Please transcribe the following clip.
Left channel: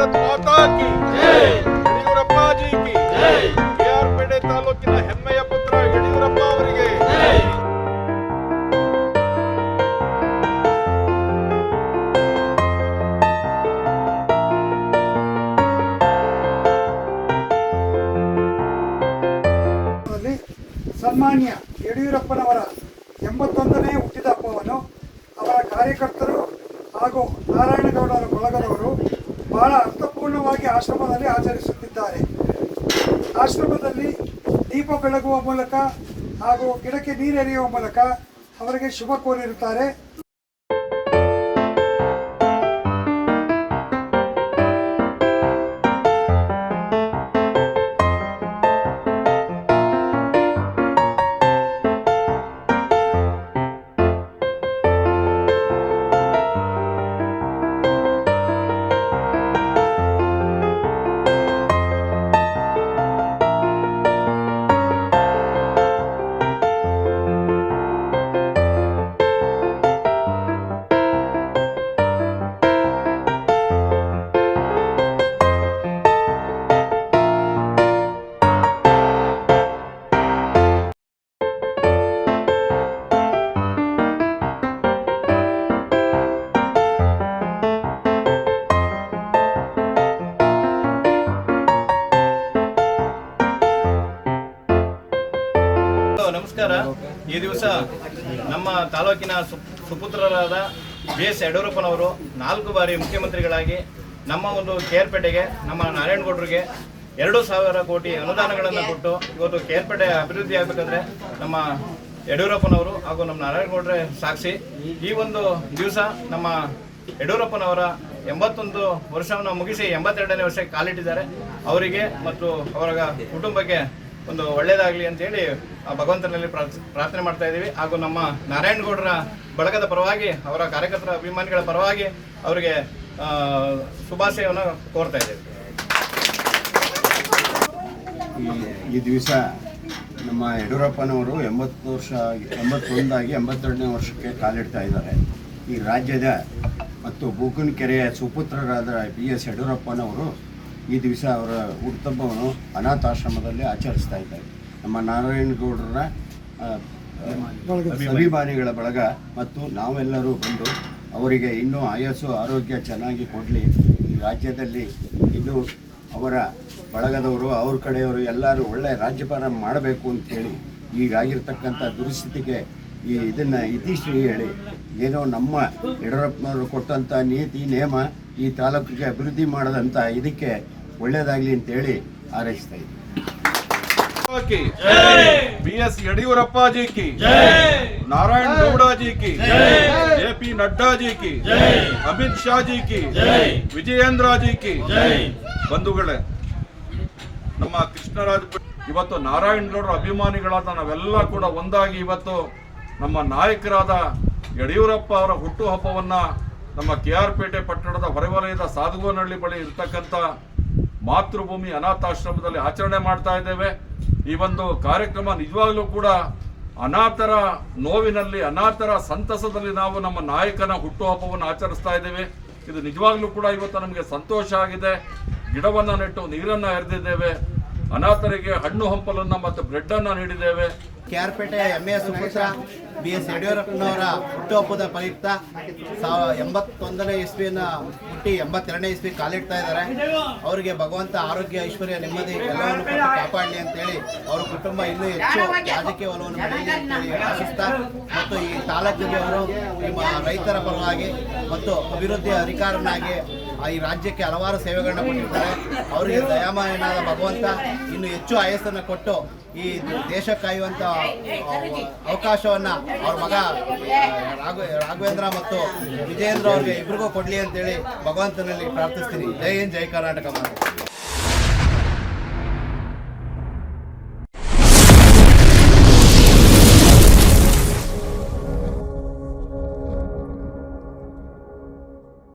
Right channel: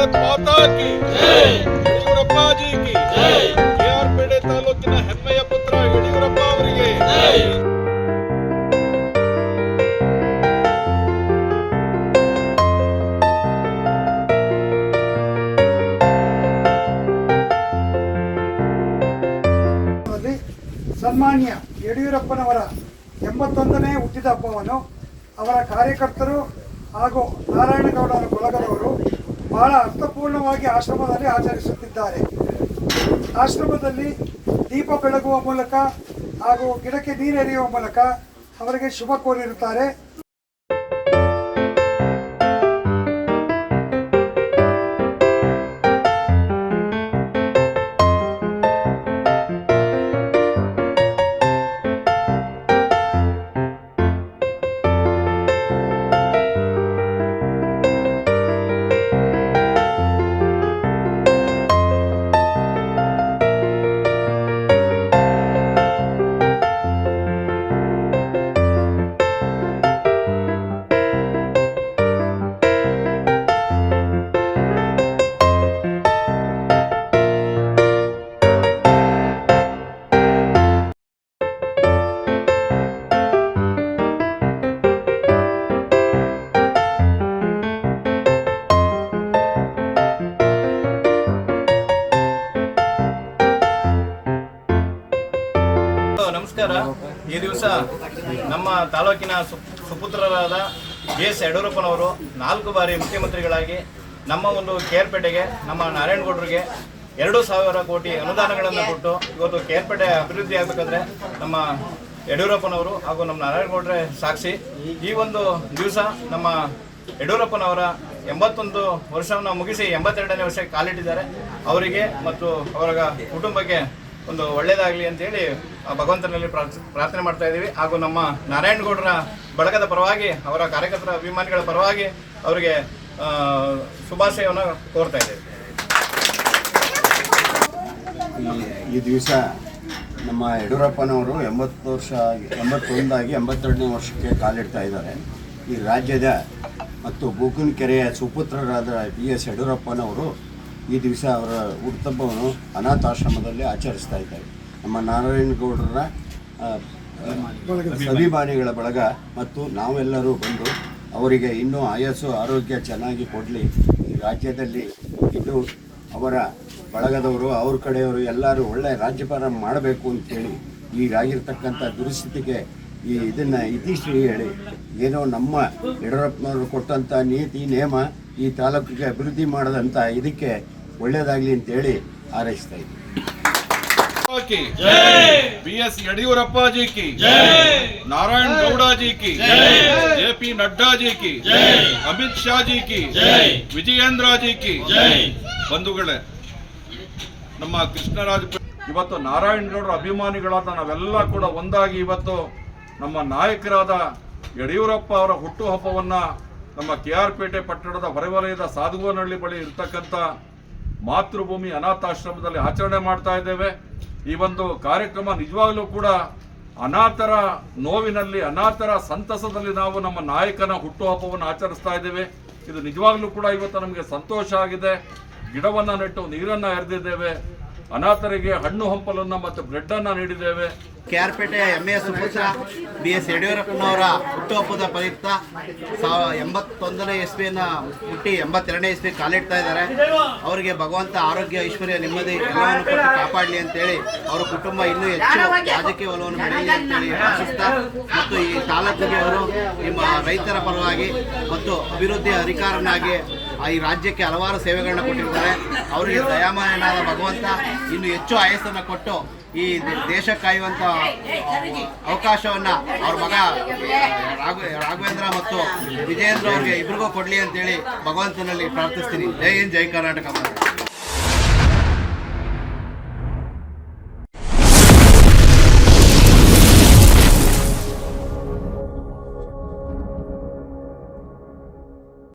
ಭಾರತ್ ಮಾತಾ ಕಿ ಯಡಿಯೂರಪ್ಪ ಜಿ ಕಿ ಕೆಆರ್ ಪೇಟೆ ತಾಲೂಕಿನ ಹೆಮ್ಮೆಯ ಪುತ್ರ ಯಡಿಯೂರಪ್ಪ ಅವರಿಗೆ ಸನ್ಮಾನ್ಯ ಯಡಿಯೂರಪ್ಪನವರ ಎಂಬತ್ತೊಂದನೇ ಹುಟ್ಟಿದ ಹಬ್ಬವನ್ನು ಅವರ ಕಾರ್ಯಕರ್ತರು ಹಾಗೂ ನಾರಾಯಣಗೌಡರ ಬಳಗದವರು ಬಹಳ ಅರ್ಥಪೂರ್ಣವಾಗಿ ಆಶ್ರಮದಲ್ಲಿ ಆಚರಿಸುತ್ತಿದ್ದಾರೆ. ಆಶ್ರಮದಲ್ಲಿ ದೀಪ ಬೆಳಗುವ ಮೂಲಕ ಹಾಗೂ ಗಿಡಕ್ಕೆ ನೀರೆರೆಯುವ ಮೂಲಕ ಅವರಿಗೆ ಶುಭ ಕೋರಿರುತ್ತಾರೆ. ನಮಸ್ಕಾರ. ಈ ದಿವಸ ನಮ್ಮ ತಾಲೂಕಿನ ಸುಪುತ್ರರಾದ ಬಿ ಎಸ್ ಯಡಿಯೂರಪ್ಪನವರು ನಾಲ್ಕು ಬಾರಿ ಮುಖ್ಯಮಂತ್ರಿಗಳಾಗಿ ನಮ್ಮ ಒಂದು ಕೇರ್ಪೇಟೆಗೆ ನಮ್ಮ ನಾರಾಯಣಗೌಡರಿಗೆ ಎರಡು ಸಾವಿರ ಕೋಟಿ ಅನುದಾನಗಳನ್ನು ಕೊಟ್ಟು ಇವತ್ತು ಕೇರ್ಪೇಟೆ ಅಭಿವೃದ್ಧಿ ಆಗಬೇಕಂದ್ರೆ ನಮ್ಮ ಯಡಿಯೂರಪ್ಪನವರು ಹಾಗೂ ನಮ್ಮ ನಾರಾಯಣಗೌಡ್ರೆ ಸಾಕ್ಷಿ. ಈ ಒಂದು ದಿವಸ ನಮ್ಮ ಯಡಿಯೂರಪ್ಪನವರ ಎಂಬತ್ತೊಂದು ವರ್ಷವನ್ನು ಮುಗಿಸಿ ಎಂಬತ್ತೆರಡನೇ ವರ್ಷಕ್ಕೆ ಕಾಲಿಟ್ಟಿದ್ದಾರೆ. ಅವರಿಗೆ ಮತ್ತು ಅವರ ಕುಟುಂಬಕ್ಕೆ ಒಂದು ಒಳ್ಳೇದಾಗಲಿ ಅಂತೇಳಿ ಭಗವಂತನಲ್ಲಿ ಪ್ರಾರ್ಥ್- ಪ್ರಾರ್ಥನೆ ಮಾಡ್ತಾ ಇದ್ದೀವಿ. ಹಾಗೂ ನಮ್ಮ ನಾರಾಯಣಗೌಡರ ಬಳಗದ ಪರವಾಗಿ, ಅವರ ಕಾರ್ಯಕರ್ತರ ಅಭಿಮಾನಿಗಳ ಪರವಾಗಿ ಅವರಿಗೆ ಶುಭಾಶಯವನ್ನು ಕೋರ್ತಾ ಇದ್ದೇವೆ. ಈ- ದಿವಸ ನಮ್ಮ ಯಡಿಯೂರಪ್ಪನವರು ಎಂಬತ್ತು ವರ್ಷ ಎಂಬತ್ತೊಂದಾಗಿ ಎಂಬತ್ತೆರಡನೇ ವರ್ಷಕ್ಕೆ ಕಾಲಿಡ್ತಾ ಇದ್ದಾರೆ. ಈ ರಾಜ್ಯದ ಮತ್ತು ಬೂಕನಕೆರೆಯ ಸುಪುತ್ರರಾದ ಬಿ ಎಸ್ ಯಡಿಯೂರಪ್ಪನವರು ಈ ದಿವಸ ಅವರ ಹುಟ್ಟುಹಬ್ಬವನ್ನು ಅನಾಥಾಶ್ರಮದಲ್ಲಿ ಆಚರಿಸ್ತಾ ಇದ್ದಾರೆ. ನಮ್ಮ ನಾರಾಯಣಗೌಡರ ಗೌಡರ ಅಭಿಮಾನಿಗಳ. ಬಳಗ ಮತ್ತು ನಾವೆಲ್ಲರೂ ಬಂದು ಅವರಿಗೆ ಇನ್ನೂ ಆಯಸ್ಸು ಆರೋಗ್ಯ ಚೆನ್ನಾಗಿ ಕೊಡಲಿ. ಈ ರಾಜ್ಯದಲ್ಲಿ ಇನ್ನೂ ಅವರ ಬಳಗದವರು ಅವ್ರ ಕಡೆಯವರು ಎಲ್ಲರೂ ಒಳ್ಳೆಯ ರಾಜ್ಯಭಾರ ಮಾಡಬೇಕು ಅಂತೇಳಿ ಈಗಾಗಿರ್ತಕ್ಕಂಥ ದುರಿಸ್ಥಿತಿಗೆ ಈ ಇದನ್ನು ಇತಿಶ್ರೀ ಹೇಳಿ. ಏನೋ ನಮ್ಮ ಯಡಿಯೂರಪ್ಪನವರು ಕೊಟ್ಟಂಥ ನೀತಿ ನಿಯಮ ಈ ತಾಲೂಕಿಗೆ ಅಭಿವೃದ್ಧಿ ಮಾಡಿದಂಥ ಇದಕ್ಕೆ ಒಳ್ಳೇದಾಗಲಿ ಅಂತೇಳಿ ಹಾರೈಸ್ತಾ ಇದ್ದೀನಿ. ಬಿ ಎಸ್ ಯಡಿಯೂರಪ್ಪ ಕಿ. ನಾರಾಯಣ ಗೌಡ ಕಿ. ಜೆ ಪಿ ನಡ್ಡಾ ಜಿ ಕಿ ಅಮಿತ್ ಶಾ ಜಿ ಕಿ. ವಿಜಯೇಂದ್ರ ಜಿ ಕಿ ಬಂಧುಗಳೇ ನಮ್ಮ ಕೃಷ್ಣರಾಜ ಇವತ್ತು ನಾರಾಯಣಗೌಡರ ಅಭಿಮಾನಿಗಳಾದ ನಾವೆಲ್ಲ ಕೂಡ ಒಂದಾಗಿ ಇವತ್ತು ನಮ್ಮ ನಾಯಕರಾದ ಯಡಿಯೂರಪ್ಪ ಅವರ ಹುಟ್ಟುಹಬ್ಬವನ್ನ ನಮ್ಮ ಕೆ ಆರ್ ಪೇಟೆ ಪಟ್ಟಣದ ಹೊರವಲಯದ ಸಾಧುವನಹಳ್ಳಿ ಬಳಿ ಇರತಕ್ಕಂಥ ಮಾತೃಭೂಮಿ ಅನಾಥಾಶ್ರಮದಲ್ಲಿ ಆಚರಣೆ ಮಾಡ್ತಾ ಇದ್ದೇವೆ. ಈ ಒಂದು ಕಾರ್ಯಕ್ರಮ ನಿಜವಾಗ್ಲೂ ಕೂಡ ಅನಾಥರ ನೋವಿನಲ್ಲಿ, ಅನಾಥರ ಸಂತಸದಲ್ಲಿ ನಾವು ನಮ್ಮ ನಾಯಕನ ಹುಟ್ಟುಹಬ್ಬವನ್ನು ಆಚರಿಸ್ತಾ ಇದ್ದೇವೆ. ಇದು ನಿಜವಾಗ್ಲೂ ಕೂಡ ಇವತ್ತು ನಮಗೆ ಸಂತೋಷ ಆಗಿದೆ. ಗಿಡವನ್ನ ನೆಟ್ಟು ನೀರನ್ನ ಎರೆದಿದ್ದೇವೆ. ಅನಾಥರಿಗೆ ಹಣ್ಣು ಹಂಪಲನ್ನ ಮತ್ತು bread R Pete M A ಸುಪುತ್ರ B S ಯಡಿಯೂರಪ್ಪನವರ ಹುಟ್ಟುಹಬ್ಬದ ಪ್ರಯುಕ್ತ ಎಂಬತ್ತೊಂದನೇ ಇಸ್ವಿನ ಹುಟ್ಟಿ ಎಂಬತ್ತೆರಡನೇ ಇಸ್ವಿ ಕಾಲಿಡ್ತಾ ಇದ್ದಾರೆ. ಅವರಿಗೆ ಭಗವಂತ ಆರೋಗ್ಯ, ಐಶ್ವರ್ಯ, ನೆಮ್ಮದಿ ಎಲ್ಲವನ್ನು ಕೊಟ್ಟು ಕಾಪಾಡಲಿ ಅಂತೇಳಿ ಅವರ ಕುಟುಂಬ ಇನ್ನೂ ಹೆಚ್ಚು ರಾಜಕೀಯ ಒಲವನ್ನು ಬೆಳೆಯಲಿ ಅಂತೇಳಿ ಆಶಿಸ್ತಾ ಮತ್ತು ಈ ತಾಲೂಕಲ್ಲಿ ಅವರು ನಿಮ್ಮ ರೈತರ ಪರವಾಗಿ ಮತ್ತು ಅಭಿವೃದ್ಧಿ ಅಧಿಕಾರನಾಗಿ ಈ ರಾಜ್ಯಕ್ಕೆ ಹಲವಾರು ಸೇವೆಗಳನ್ನ ಕೊಟ್ಟಿರ್ತಾರೆ ಅವರಿಗೆ ದಯಾಮಯನಾದ ಭಗವಂತ ಇನ್ನು ಹೆಚ್ಚು ಆಯಸ್ಸನ್ನು ಕೊಟ್ಟು ಈ ದೇಶ ಕಾಯುವಂತ ಅವಕಾಶವನ್ನ ಅವ್ರ ಮಗ ರಾಘ ರಾಘವೇಂದ್ರ ಮತ್ತು ವಿಜಯೇಂದ್ರ ಅವ್ರಿಗೆ ಇಬ್ರಿಗೂ ಕೊಡ್ಲಿ ಅಂತೇಳಿ ಭಗವಂತನಲ್ಲಿ ಪ್ರಾರ್ಥಿಸ್ತೀನಿ ಜೈ ಹಿಂದ್, ಜೈ ಕರ್ನಾಟಕ.